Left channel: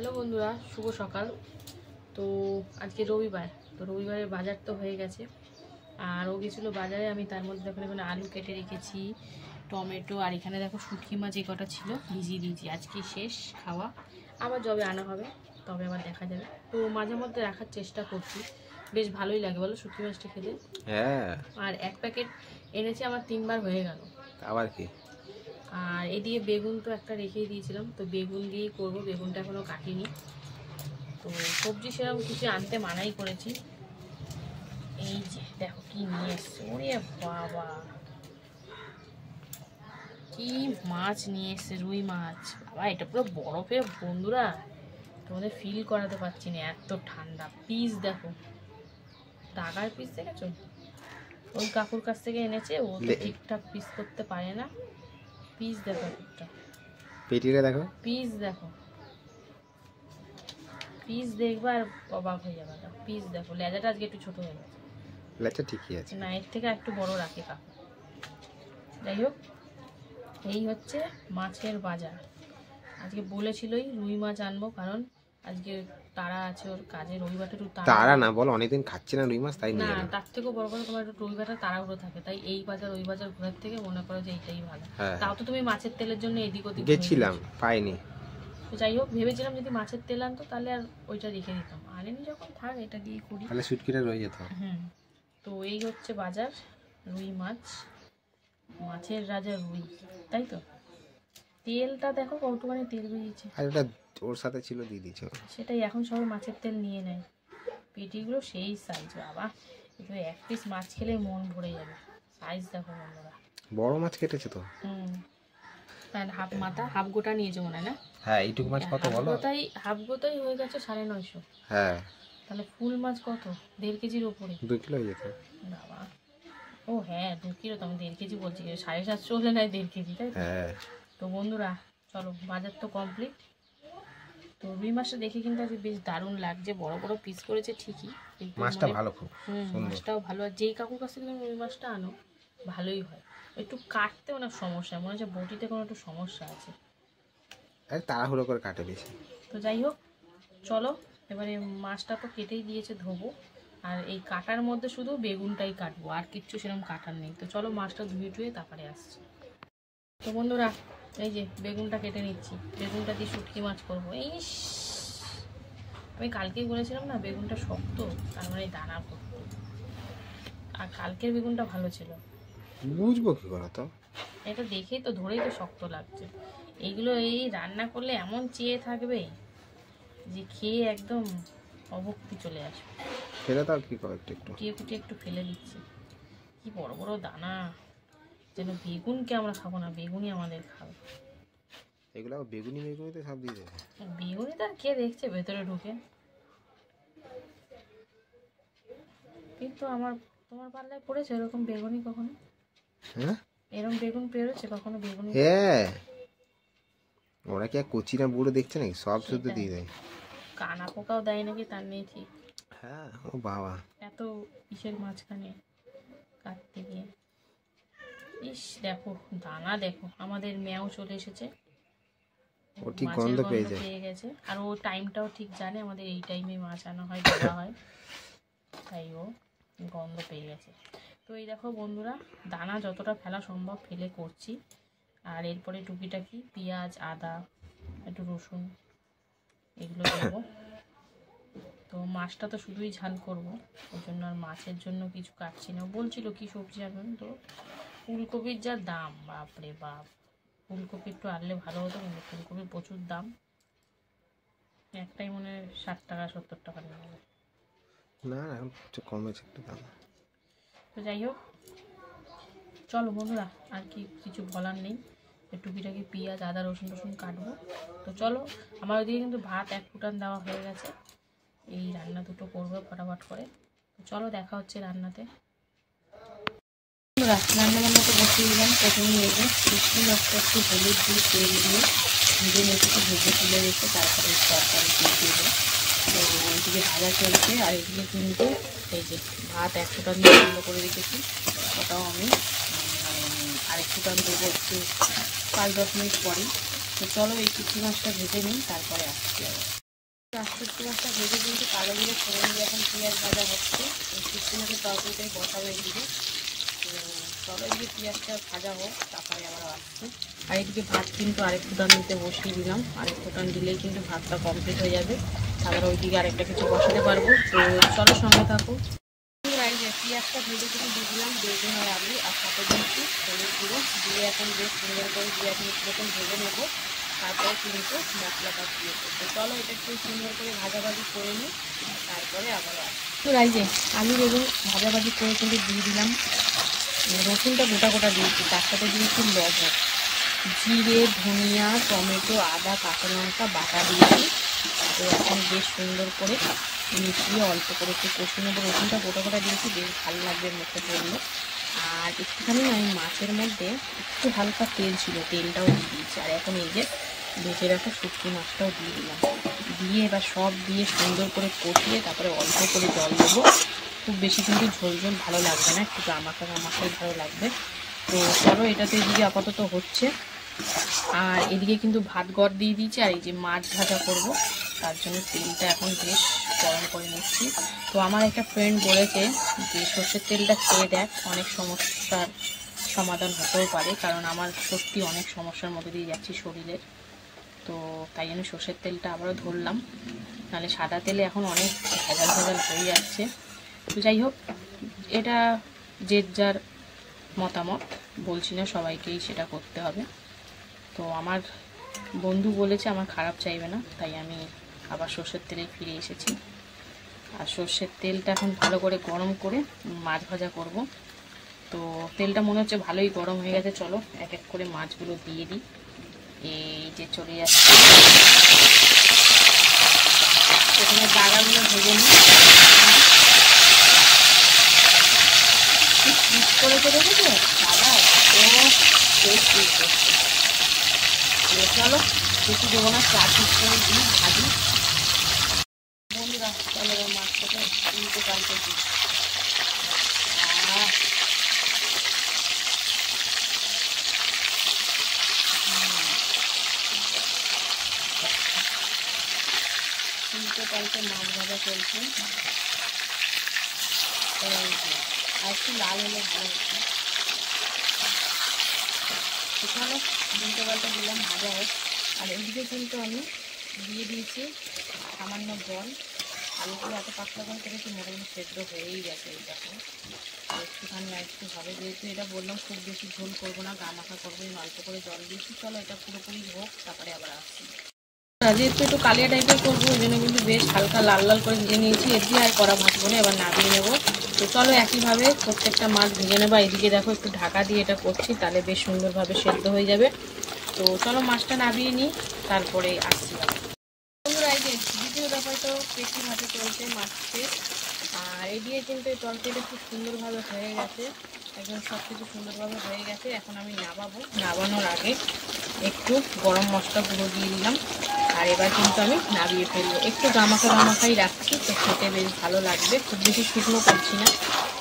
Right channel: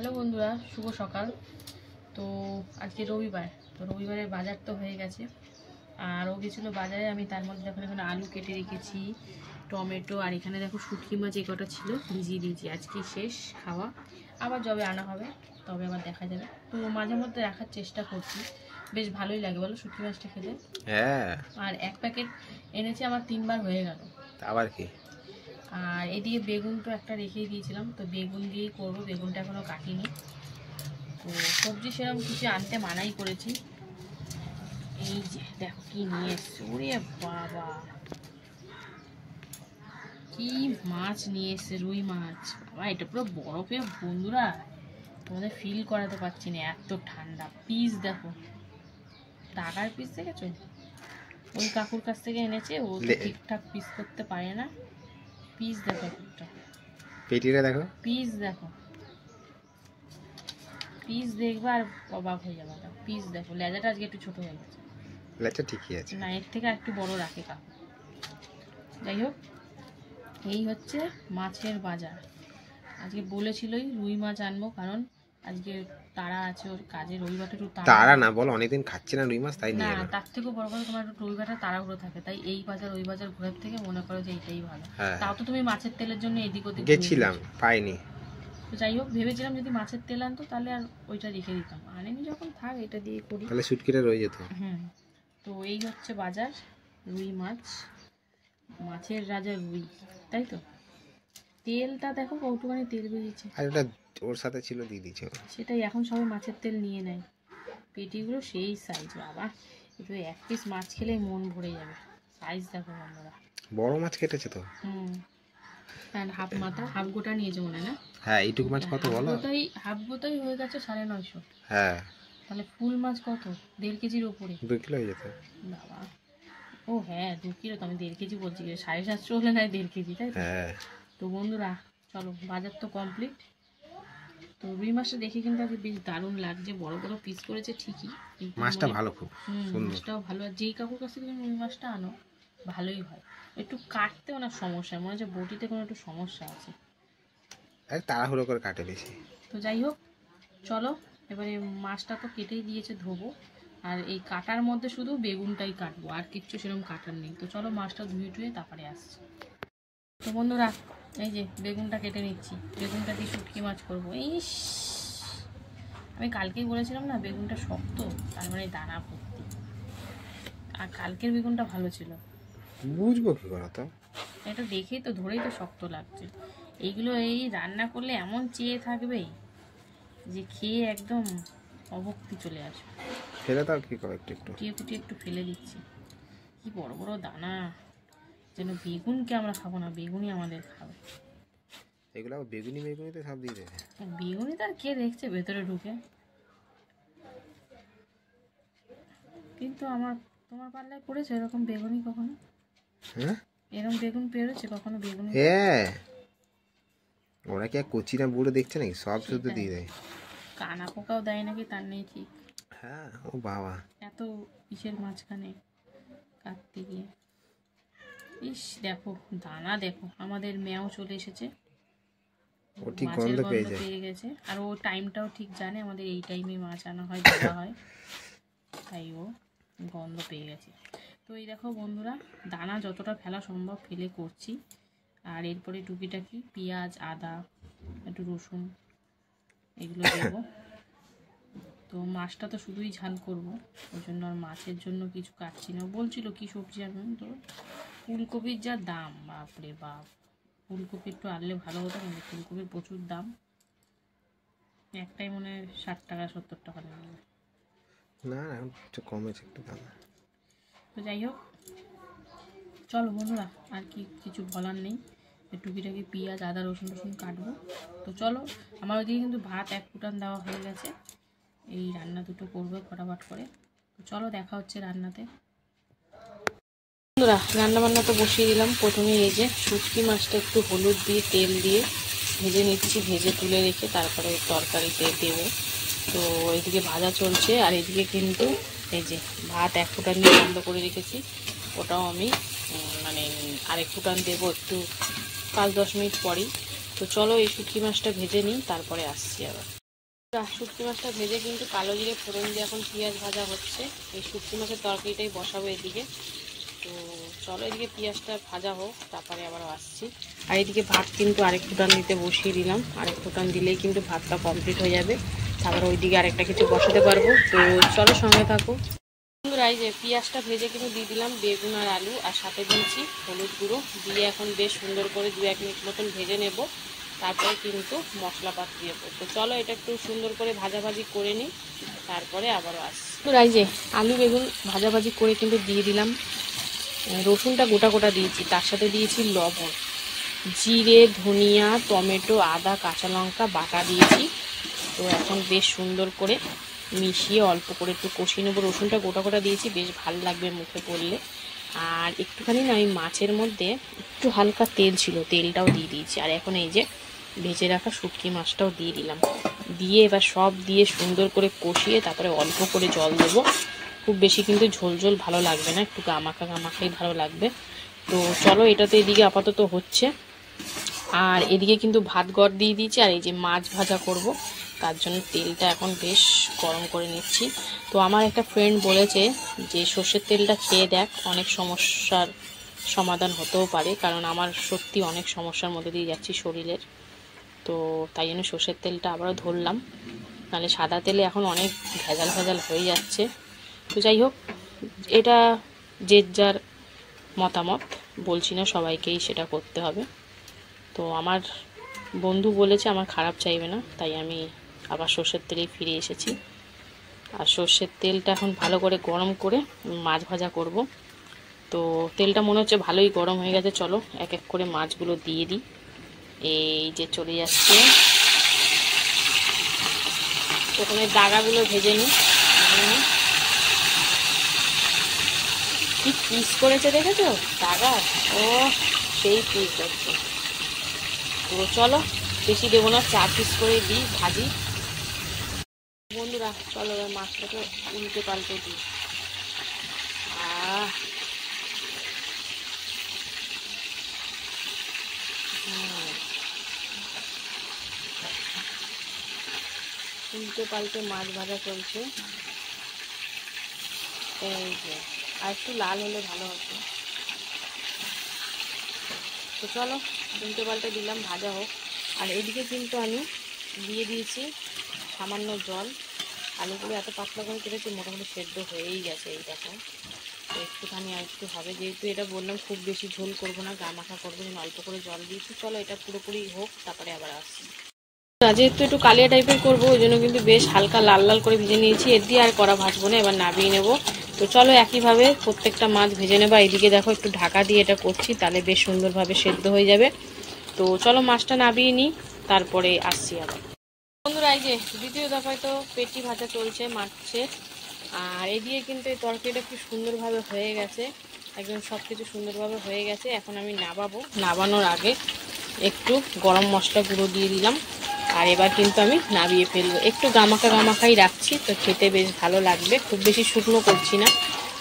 Hello বন্ধুরা, শুভ সকাল। তো আজকে রবিবার, তো রবিবারে বাজার তো হয়ে গেছে। আর ও গেছিলো বাজারে, আমি তার মধ্যে দেখো এখানে আলু কেটে রেখেছি, টমেটো, আর এখানে দেখো শুটকি মাছ এই কটা ছিল ভিজিয়ে দিয়েছি। আজকে শেষ খাওয়া, আবার যবে আনা হবে তবে আবার দেখা যাবে। তো মাঝে মধ্যে রাখার চেষ্টা করছি, বেশ ভালোই লাগে বলো শুটকি মাছটা খেতে। হ্যাঁ, আর এক প্যাকেট এনেছি, আমার 3 বার হয়ে গেল। আবার কি? আর এদিকে বেগুন তো একটা রেখেই দিয়েছিলাম, তো বেগুন দিয়েই করবো। বেগুনটা এখনও কাটিনি। তো সবজি সেরকম কিছু আনতে মানাই করেছি। এই যে দেখো কি নিয়ে এসছে, ওরে বাবা কি মাছ নিয়ে এসছে, রুই মাছ। বাবা এটা পুরো বরফে বন্ধুরা, তোমাদের ফিল করাতে পারছি না, এত ঠান্ডা। পিস দেখো, টাকার পিস দেখেছো, ওই কাকুর কাছ থেকে এনেছে, ও তো ঠিকঠাক পিস করতে পারে না। পিস দেখো একটা, পেটিটা দেখো, পিস দেখো, পিস দেখবা আর অবাক হয়ে যাবে। পিস দেখো, লেজাটা আজকে একটু ছোট হয়ে গেছে। লেজটা ঠিকই আছে, না এর থেকে একটু বড় রাখে কাকু। যাই হোক, এই হচ্ছে মাছের বাজার। আজকে বলেছিলই রুই মাছ আনবো, কারণ আজকে তারা আছে ওর কাজে। রবিবারটা একটু তারা না বল, অনেকদিন খাচ্ছে না রুই মাছ, তাই না, নিয়ে না। তার থেকেও বড় কথা, তোমার একটু রবিবারটা তাড়াহুড়ো থাকে, তাই এই বাজার ওই বাজার ঘুরের থেকে মনে করো যে এইটাই ভালো। তাও তো তুমি মাছের তেলের জন্য এদিক ওদিক গেছিলাম, পাইনি। তো যাই হোক, ভেবেছিলাম যদি মাছের তেল আনতো তাহলে আর ওইটা রেখে দিতাম, আনেনি যখন থাক এটা দিয়ে করি, তাহলে শুটকিটা রয়ে যেত। তো এই হচ্ছে বাজার। রুই মাছ, মাছের রাজা রুই, তাই তো। তেলটা দেখো কতখানি তেল বেরিয়েছে, আর ওটা ওর সাথে ছিল, দিয়ে দিয়েছে। সেটাই, এখন সবাই মাছের তেল নিয়ে নেয়। পেটিগুলো সেই সাইজ, বাবা একটু এক পিস মাছ খেলে মন ভরে যাবে। সাইজ দেখো বন্ধুরা, বড় মাছ কেটেছে তো। কারণ হাফ মাথা, হাফ গোটা নিয়েছে মনে হয় না? হ্যাঁ, এইটুকু মাছ কত বলো? হাফ গোটাই হয়ে গেছে 950। হ্যাঁ, তাহলে ফুল মাছ কত? 1.5 কেজির উপরে। 2 কিলো হয়ে যেত। বাবা, ও হ্যাঁ 2 কিলো, তো আমি 1.5 কেজি বলছি, 750 হলে নাই 1.5 কেজি, তাই তো? হ্যাঁ, তো বন্ধুরা চলো, বাজার তো কমপ্লিট। তো রুই মাছটা দেখে কিন্তু আজকে বেশ দারুণ লাগছে, বড় বড় পিস করেছে ঠিকই, কিন্তু মাছটা ভালো, খুব সুন্দর। মাছটাও ভালো। আর যেই কাকুর কাছ থেকে তুমি রুই মাছটা আনো ভালোই হয়। একটু কাটতেও না সমস্যা, মনে হচ্ছে বটিতে কোনো একটু সমস্যা আছে, আরে তাড়াহুড়ো করে কাটে বেশি। তো যাই হোক চলো, এবারে মাছটা তো কেটেই দিয়েছে, ধোবো। আর এই কাটার মধ্যে শুধু বেগুনটাই কাটবো, আর কিচ্ছু সেরকম কাটার নেই। তো চলো মাছটা ধুয়ে টুয়ে তারপরে আসছি। তো বন্ধুরা এই যে বেগুনটা কেটে নিচ্ছি, বেগুনটা দিয়ে শুটকি মাছ করবো। আমি কালকেই বলেছিলাম না বেগুনটা শক্ত, তার মানে দানা ভর্তি। আর কালকের বেগুনটা ভালো ছিল, বুঝবো কি করে তো, এটা দেখেই তো, ধরেই তো শক্ত লাগছে। এইগুলো এই রান্না করলে এমন চেয়ে থাকবে যে খেয়ে একদম অভক্তি চলে আসবে। ফেলে দাও, কি করে একটু একটু কুটিয়ে কুটিয়ে একটু ফেলে দিচ্ছি। কি বড় বড় দানা, যেন বেগুনকে আমরা খাবো না, বেগুনই আমাদের খাবে। এগুলো বেগুনি বেগুনিতে সব দিয়ে দেবে। বেগুনি তার কে দেখছে ভেতরে ঢুকে, কিন্তু তোমার পাল্লায় পড়েছে এরকম বেগুনি কখনো? হ্যাঁ, এরকম বেগুন পেরেছে কখনো বেগুনি? হ্যাঁ, ওরা কি আর কচি না বুড়ো দেখছে নাকি, সব শুদ্ধ দিয়ে দেয়। কানা পোকাও দেয় নাকি তার নেই ঠিক। হ্যাঁ, ও বাবা, এত ইসের মাঝখানে কাটতে গিয়ে। ইস দেখো দানা দেখো, আমাদের ম্যাও চলে এসেছে, ও ঠিক মাছের গন্ধ গন্ধ পেয়ে পেয়ে গেছে। আর ও টাইমটাও ঠিক জানে, আমাদের এই টাইমে মাছ আনা হয়, ধরা হয়, তাই ও গন্ধ পেয়ে গেছে। তো এই দেখো বন্ধুরা, দানা যতটা ফেলা সম্ভব ফেলে করছি। আর এরপরে টুকিটাকি পেঁয়াজ, আদা, একটু রসুন এগুলো দেবো। তো মাছটা তো শুধুই ঝাল করব, ওই জন্য আর মাছের জন্য কিছু কাটছি না। বলছিল কি সবজি আনবেন, তো ফুলকপির যা দাম, বাপরে বাপ, ফুলকপি একটু আনলে ভালো হতো, কিন্তু ফুলকপির প্রচুর দাম। একটাই মনে হয় 60 টাকা 70 টাকা নেবে। না, এখন একটু কমেছে একটু দাম। তো যাই হোক চলো বন্ধুরা, আর কি কিছু বলার নেই। টুকিটাকি পেঁয়াজ, আদা, রসুন টসুন কাটবো। তো চলো, আমার ওইদিকে কিন্তু ভাত 1 ফুটান দেওয়া হয়ে গেছে, এই রান্না দুটো করবো ফটাফট করে। তো চলো দেখা হচ্ছে রান্নাতে। বন্ধুরা রান্না বান্না তো বসিয়ে দিলাম। প্রথমেই এই যে শুটকি মাছটা একটু হলুদ দিয়ে তেল দিয়ে ভেজে নিয়েছি, ভেজে তুলে রেখে তারপরে তরকারিতে দেবো। তো ওইদিকে ভাজা চলছে, আর এদিকে কিন্তু এই যে ভাত 1 ফুটান দিয়ে বন্ধ করে রেখেছি, ওটাও আমি মানে আরেক ফুটান দেবো একটু 5-10 মিনিট পরেই। তো চলো এই শুটকি মাছটা ভেজে নিই, তারপরে আসছি আবার। শুটকি মাছটা ভেজে কিন্তু কালো জিরে ফোড়ন দিয়ে এখন পেঁয়াজ ভাজা হচ্ছে। এই শুটকি মাছের তরকারিটাই বসাবো এদিকে। তো চলো এদিকে পেঁয়াজটা ভাজা হোক, তারপরে আবার আসছি। আর এদিকে ভাত কিন্তু আরেক ফুটান দিতে বসিয়ে দিলাম। আরেক ফুটান দিলেই কিন্তু ভাতটা কমপ্লিট হয়ে যাবে, তারপরে ওইদিকে আরেকটা কিছু বসাতে পারবো। তো চলো সঙ্গে থাকো। এই যে পেঁয়াজটা ভেজে কিন্তু দিয়ে দিলাম বেগুন আর আলু, আর সাথে দিচ্ছি হলুদ গুঁড়ো দিয়ে এখন বেশ সুন্দর করে 2-1 মিনিট মতন ভেজে নেব। তারপরে কিন্তু মশলাটা দিয়ে দেবো। তো চলো এটা একটু সুন্দর করে ভাজাভাজি করে নিই, তারপরে আবারও আসি। তো এই যে আলু বেগুন ভাজাভাজি করে কিন্তু দিয়ে দিলাম। রসুনটা গোটা গোটা দিয়েছি, তার সাথে দিয়েছি লবণ, জিরে, ধনিয়া, টমেটো, আদা, কাঁচা লঙ্কা বাটা দিয়েছি। তো এখন বেশ সুন্দর করে মিশিয়ে অল্প করে একটু কষিয়ে নেবো। রসুনটা গোটা গোটা দিয়েছি, বেশ ভালো লাগবে মুখে পড়লে। আর একটুখানি না আমি মাছের মধ্যে একটু হালকা তেল ছিল, তেলটাও দিয়ে দিয়েছি। আর এখন এই যে ভেজে রাখা শুটকি মাছটাও দিয়ে দিলাম, দিয়ে এবার সব দিয়ে সুন্দর করে কষিয়ে তারপরে অল্প করে জল দেবো। খুব বেশি কিন্তু ঝোল ঝোল ভালো লাগবে না, একটু গামাখা গামাখাই ভালো লাগবে। তো চলো এটা তো এদিকে আপাতত হচ্ছে, আর এদিকে কিন্তু ভাত গড় দিয়ে দিয়েছি। আর এই যে মাছ ভাজা করব, তার জন্য তেলটা এখন বেশ গরম করে নিচ্ছি। তো আমার একটা ফ্রেন্ড বলেছে যে সর্ষের তেলটা খেয়ে দেখ, অনেক সমস্যার সমাধান হতেও পারে, কারণ আমার সত্যি অনেক সমস্যার মধ্যে দিয়ে যাচ্ছি শরীরের। তো তাই জন্য সর্ষের তেলটা আবারও ধরলাম, নাহলে সাদা তেলে এখন অনেক ভেজাল ভেজাল হয়ে যাচ্ছে। তো যাই হোক, এটা যে যার মতামত, বলছি না সবাইকেই সেটা করতে হবে। তো আমার বন্ধু বলেছে আমার খারাপ চাইবে না, তাই আমি আবার সর্ষের তেলেই ফিরে এসেছি। আর সর্ষের তেলটা এখন ভালো করে গরম করে মাছ ভাজা করব। তো তেলটা মনে হচ্ছে ভালোই গরম হয়ে গেছে, চলো এক এক করে মাছগুলো দিয়ে দিই। এই যে চলে যাচ্ছি, প্রথমে দাগাগুলো ভেজে নিই। কি পিস করেছে দেখেছো দাগা, ও সেই পিস করছে। তো চলো বেশি দেবো না, 4 পিস করে দিই, ভাজি। বন্ধুরা চলো এবার মাছটাকে উল্টে পাল্টে দিই। উল্টে পাল্টে মাছ ভাজা চলছে। এই যে আর একটু লাল হলে ভালো হতো। তো চলো উল্টে পাল্টে দিলাম, ভাজা হোক। আর এদিকে কিন্তু আমি দিয়ে দিয়েছি সামান্য জল। আলুগুলো এত পাতলা করে কেটেছি, মোটামুটি সেদ্ধ হয়েই গেছে। এই দেখো একটুখানি আর একটু হবে, যেহেতু এটা বললাম খুব বেশি ঝোল করবো না, গা মাখা করবো, অল্প করে জল দিয়েছি। চলো এটা পুরোপুরি হোক, তারপরে আবার আসছি। যেহেতু একটু কালিয়া টাইপের করবো, ওই জন্য কিন্তু বেশ হালকা লাল লাল করে ভেজে নিয়েছি। এর দিয়ে আর কড়া ভাজবো না, এবার নামিয়ে নেবো। তো চলো একইভাবে প্রত্যেকটা মাছ ভেজে নেবো। এইদিকে দেখো একটু ঢাকা দিয়ে এটা করছি, তাহলে বেশ সুন্দরভাবে সেদ্ধ হয়ে যাবে। তো চলো মাছটা নামিয়ে নিই, তারপরে আসছি আবার। বন্ধুরা এই যে দ্বিতীয় দফায় তো পেটি ভাজা চলছে মাছের। আর এদিকে কিন্তু এই তরকারিটা খুব সুন্দরভাবে হয়ে গেছে, একদম সব কিছু সুন্দরভাবে হয়ে গেছে। এখন আমি নামাবো, নামানোর আগে একটু গরম মশলা গুঁড়ো দিয়ে দিলাম। আর এবার কিন্তু আমি নামিয়ে ফেলবো, একটু গামাখা গামাখাই রাখছি, তো খেতে বেশ ভালো লাগবে, খুব বেশি শুকনো করছি না।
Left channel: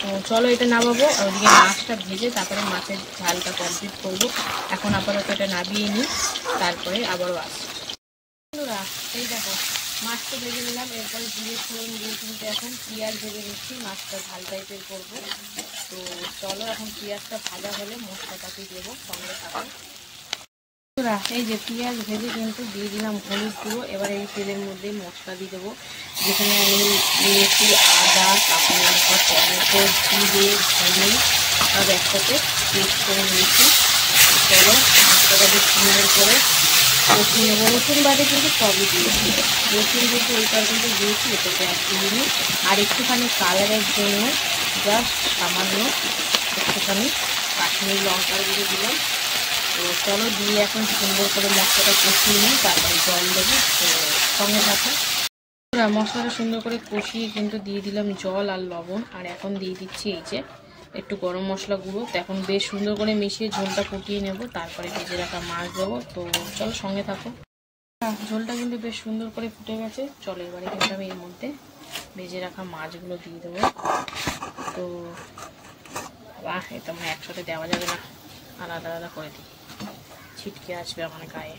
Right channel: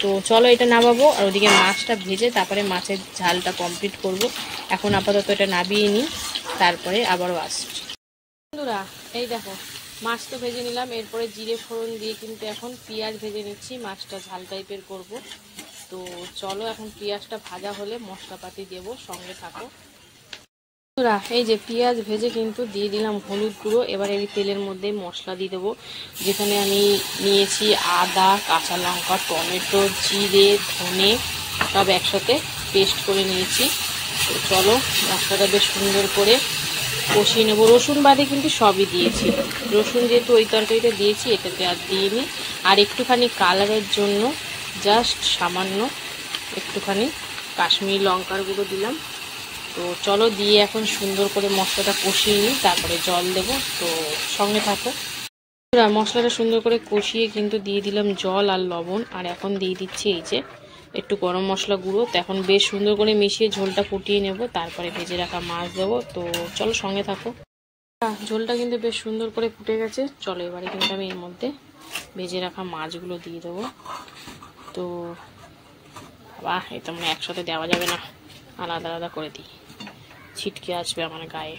তো চলো এটা নামাবো, আর ওদিকে মাছটা ভেজে তারপরে মাছের ঝালটা কমপ্লিট করব। এখন আপাতত এটা নামিয়ে নিই, তারপরে আবারও আসছি। বন্ধুরা এই দেখো মাছ তো ভেজে নিলাম, এরপরে জিরে ফোড়ন দিয়ে কিন্তু এখন পেঁয়াজ ভেজে নিচ্ছি, মাছটা ঝাল টাইপের করব। তো চলো এখন পেঁয়াজটা ভাজা হলে মশলাপাতি দেবো, সঙ্গে থাকো। বন্ধুরা এই যে পেঁয়াজ ভেজে কিন্তু দিয়ে দিলাম হলুদ গুঁড়ো। এবার এই তেলের মধ্যে মশলা দিয়ে দেবো, যেখানে আমি নিয়েছি আদা, কাঁচা লঙ্কা, টমেটো, জিরে, ধনে সব একসাথে পেস্ট করে নিয়েছি। চলো মশলাটা বেশ সুন্দর করে কষিয়ে নেবো। রসুন বাদে কিন্তু সবই দিয়েছি, রসুন যেহেতু ওই তরকারিতে দিয়েছি এটাকে আর দিইনি। আর একটুখানি কালারের জন্য জাস্ট সামান্য একটুখানি কাশ্মীরি লঙ্কার গুঁড়ো দিলাম। তো চলো দিয়ে এখন সুন্দর করে মশলাটা কষিয়ে নিই, তারপরে জল দেবো। তো সঙ্গে থাকো। মশলাটা সুন্দর করে কষিয়ে কিন্তু দিয়ে দিলাম জল আর লবণ। আর এখন দিয়ে দিচ্ছি এই যে একটু গরম মশলা গুঁড়ো। তো এখন বেশ সুন্দর করে মিশিয়ে ঝোলটা ফুটিয়ে নেব, তারপরে ভেজে রাখা মাছ দেবো। তো চলো সঙ্গে থাকো। ঝোলটা কিন্তু বেশ সুন্দর করে ফুটে গেছে, চলো এবারে কিন্তু আমি এর মধ্যে ভেজে রাখা মাছগুলো দিয়ে দেবো। তো বাহ, এটা মানে একসাথে দেওয়া যাবে না, আলাদা আলাদা করে দিই, ছিটকে আসবে আমার গায়ে।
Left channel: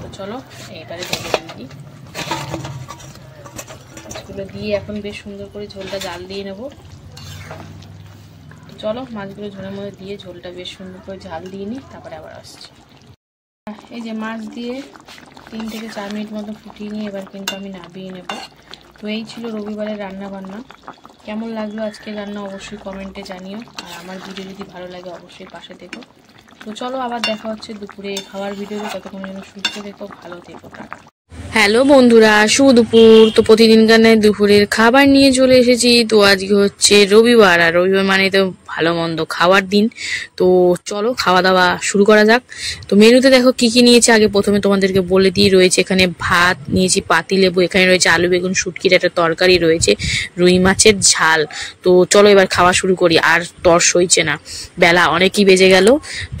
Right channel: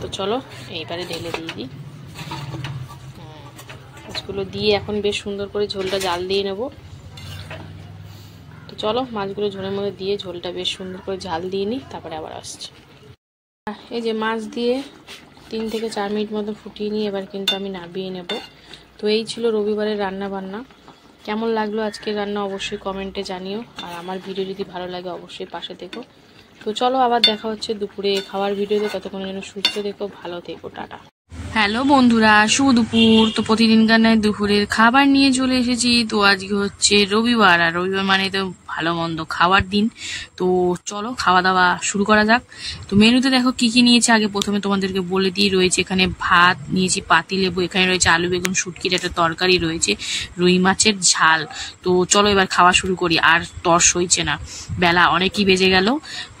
তো চলো এইবারে ঢেলে দিয়ে দিই। মাছগুলো দিয়ে এখন বেশ সুন্দর করে ঝোলটা জাল দিয়ে নেব। তো চলো মাছগুলো ঝোলের মধ্যে দিয়ে ঝোলটা বেশ সুন্দর করে ঝাল দিয়ে নিই, তারপরে আবার আসছি। এই যে মাছ দিয়ে 3 থেকে 4 মিনিট মতো ফুটিয়ে নিয়ে এবার কিন্তু আমি নামিয়ে নেব। তো এই ছিল রবিবারের রান্না বান্না। কেমন লাগলো আজকের রান্না অবশ্যই কমেন্টে জানিও, আর আমার ভিডিও যদি ভালো লাগে অবশ্যই পাশে দেখো। তো চলো আবার দেখা হচ্ছে দুপুরে খাওয়ার ভিডিওতে, ততক্ষণ যেন সুস্থ থেকো, ভালো থেকো, টাটা। হ্যালো বন্ধুরা, শুভ দুপুর। তো প্রতিদিনকার ন্যায় দুপুরের খাবার নিয়ে চলে এসেছি। তো আজকে হচ্ছে রবিবার, আর রবিবার মানে তো ভালো মন্দ খাওয়ার দিন। তো চলো খাওয়া দাওয়া শুরু করা যাক। তো মেনুতে দেখো কি কি নিয়েছি, আগে প্রথমে তোমাদেরকে বলে দিয়ে রয়েছে এখানে ভাত নিয়েছি, পাতিলেবু, এখানে রয়েছে আলু বেগুন শুটকির একটা তরকারি, রয়েছে রুই মাছের ঝাল। তো চলো এবার খাওয়া শুরু করি, আর তর সইছে না, বেলা অনেকই বেজে গেল।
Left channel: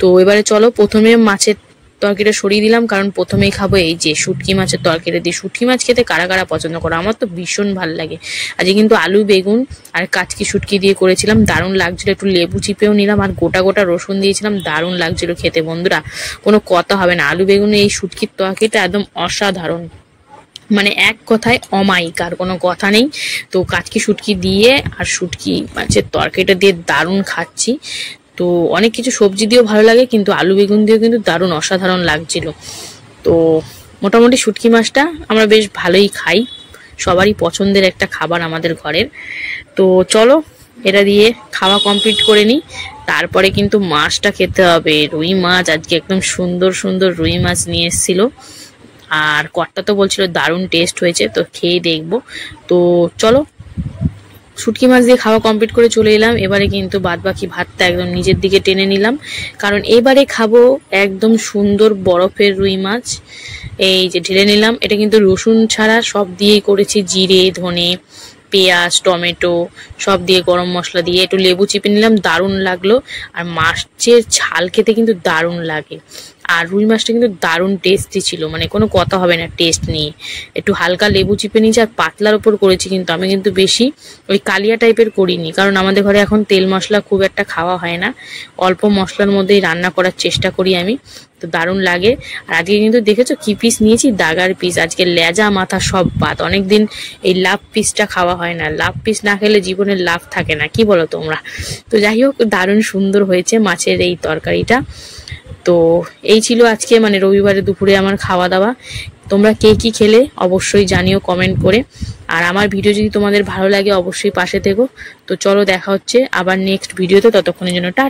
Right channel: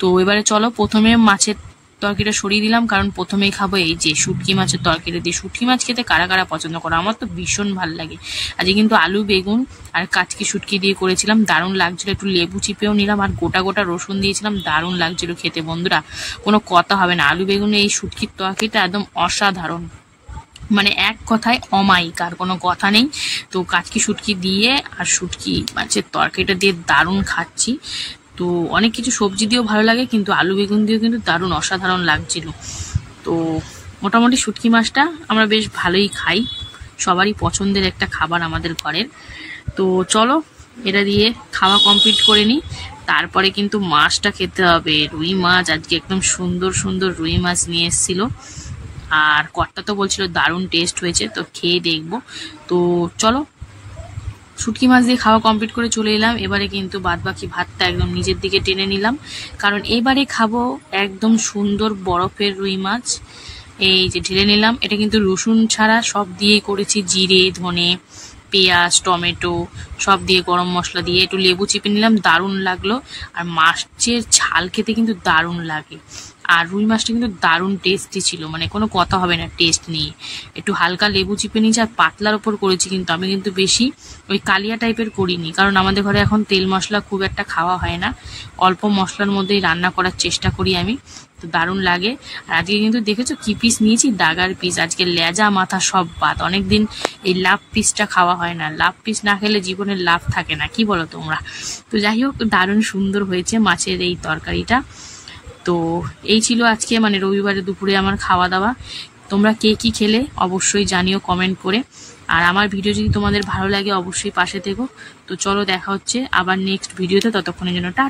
তো এবারে চলো প্রথমে মাছের তরকারিটা সরিয়ে দিলাম, কারণ প্রথমেই খাবো এই যে শুটকি মাছের তরকারি দিয়ে। শুটকি মাছ খেতে কারা কারা পছন্দ করো, আমার তো ভীষণ ভালো লাগে। আজকে কিন্তু আলু বেগুন আর কাচকি শুটকি দিয়ে করেছিলাম, দারুণ লাগছিল। একটু লেবু চিপেও নিলাম আর গোটা গোটা রসুন দিয়েছিলাম, দারুণ লাগছিল খেতে বন্ধুরা, কোনো কথা হবে না। আলু বেগুন এই শুটকির তরকারিটা একদম অসাধারণ, মানে এক কথায় অমায়িক, আর কোনো কথা নেই। তো কাচকি শুটকি দিয়ে আর শুটকি মাছের তরকারিটা দিয়ে দারুণ খাচ্ছি। তো অনেক কিছু সবজি দিয়েও ভালো লাগে, কিন্তু আলু বেগুন দিয়েও কিন্তু দারুণ অসাধারণ লাগছিল। তো মোটামুটি শুটকি মাছটা আমরা বেশ ভালোই খাই, সবারই পছন্দের একটা খাবার আমাদের ঘরের। তো চলো এটা দিয়ে খাওয়া কমপ্লিট করে নিই, তারপরে কিন্তু মাছটা খেতে হবে। রুই মাছ আজকে একদম সুন্দর সুন্দর রুই মাছ নিয়ে এসেছিল, আর কর্তা তো বলছিল দারুণ টেস্ট হয়েছে, তো খেয়ে দেখবো। তো চলো শুটকি মাছ দিয়ে খাওয়া কমপ্লিট করে চলে এলাম। এবারে কিন্তু বাদ বাকি ভাতটা একদম নিজের দিকে টেনে নিলাম, কারণ এবারে খাবো একদম সুন্দর বরফের রুই মাছ। এই যে ঢেলে নিলাম, এটা কিন্তু রসুন ছাড়া সব দিয়েই করেছি, জিরে ধনে পেঁয়াজ টমেটো সব দিয়ে, গরম মশলা দিয়ে একটু লেবু চিপে নিলাম, দারুণ লাগলো। আর মাছের ঝাল খেতে কিন্তু দারুণ লাগে, আর রুই মাছটা কিন্তু দারুণ টেস্টি ছিল, মানে কোনো কথা হবে না টেস্ট নিয়ে। একটু হালকা লেবু চিপে নিয়েছি আর পাতলার ওপর করেছি, কিন্তু আমি কিন্তু বেশি ওই কালিয়া টাইপের করিনি, কারণ আমাদের ঘরে এখন তেল মশলা খুব একটা খাওয়া হয় না, অল্প মশলার মধ্যেই রান্না করার চেষ্টা করি আমি। তো দারুণ লাগে। আর আজকে কিন্তু দেখেছো কি পিস নিয়েছি, দাগার পিস। আজকে লেজা মাথা সব বাদ, অনেকদিন এই লাভ পিসটা খাওয়া হয় না, লাভ পিস না খেলে জীবনের লাভ থাকে না, কি বলো তোমরা? তো যাই হোক দারুণ সুন্দর হয়েছে মাছের এই তরকারিটা। তো এই ছিল আজকে মানে রবিবারে দুপুরে আমার খাওয়া দাওয়া। তোমরা কে কি খেলে অবশ্যই জানিও কমেন্ট করে, আর আমার ভিডিও যদি তোমাদের ভালো লাগে অবশ্যই পাশে থেকো। তো চলো দেখা হচ্ছে আবার নেক্সট ভিডিওতে, ততক্ষণের জন্য টাটা।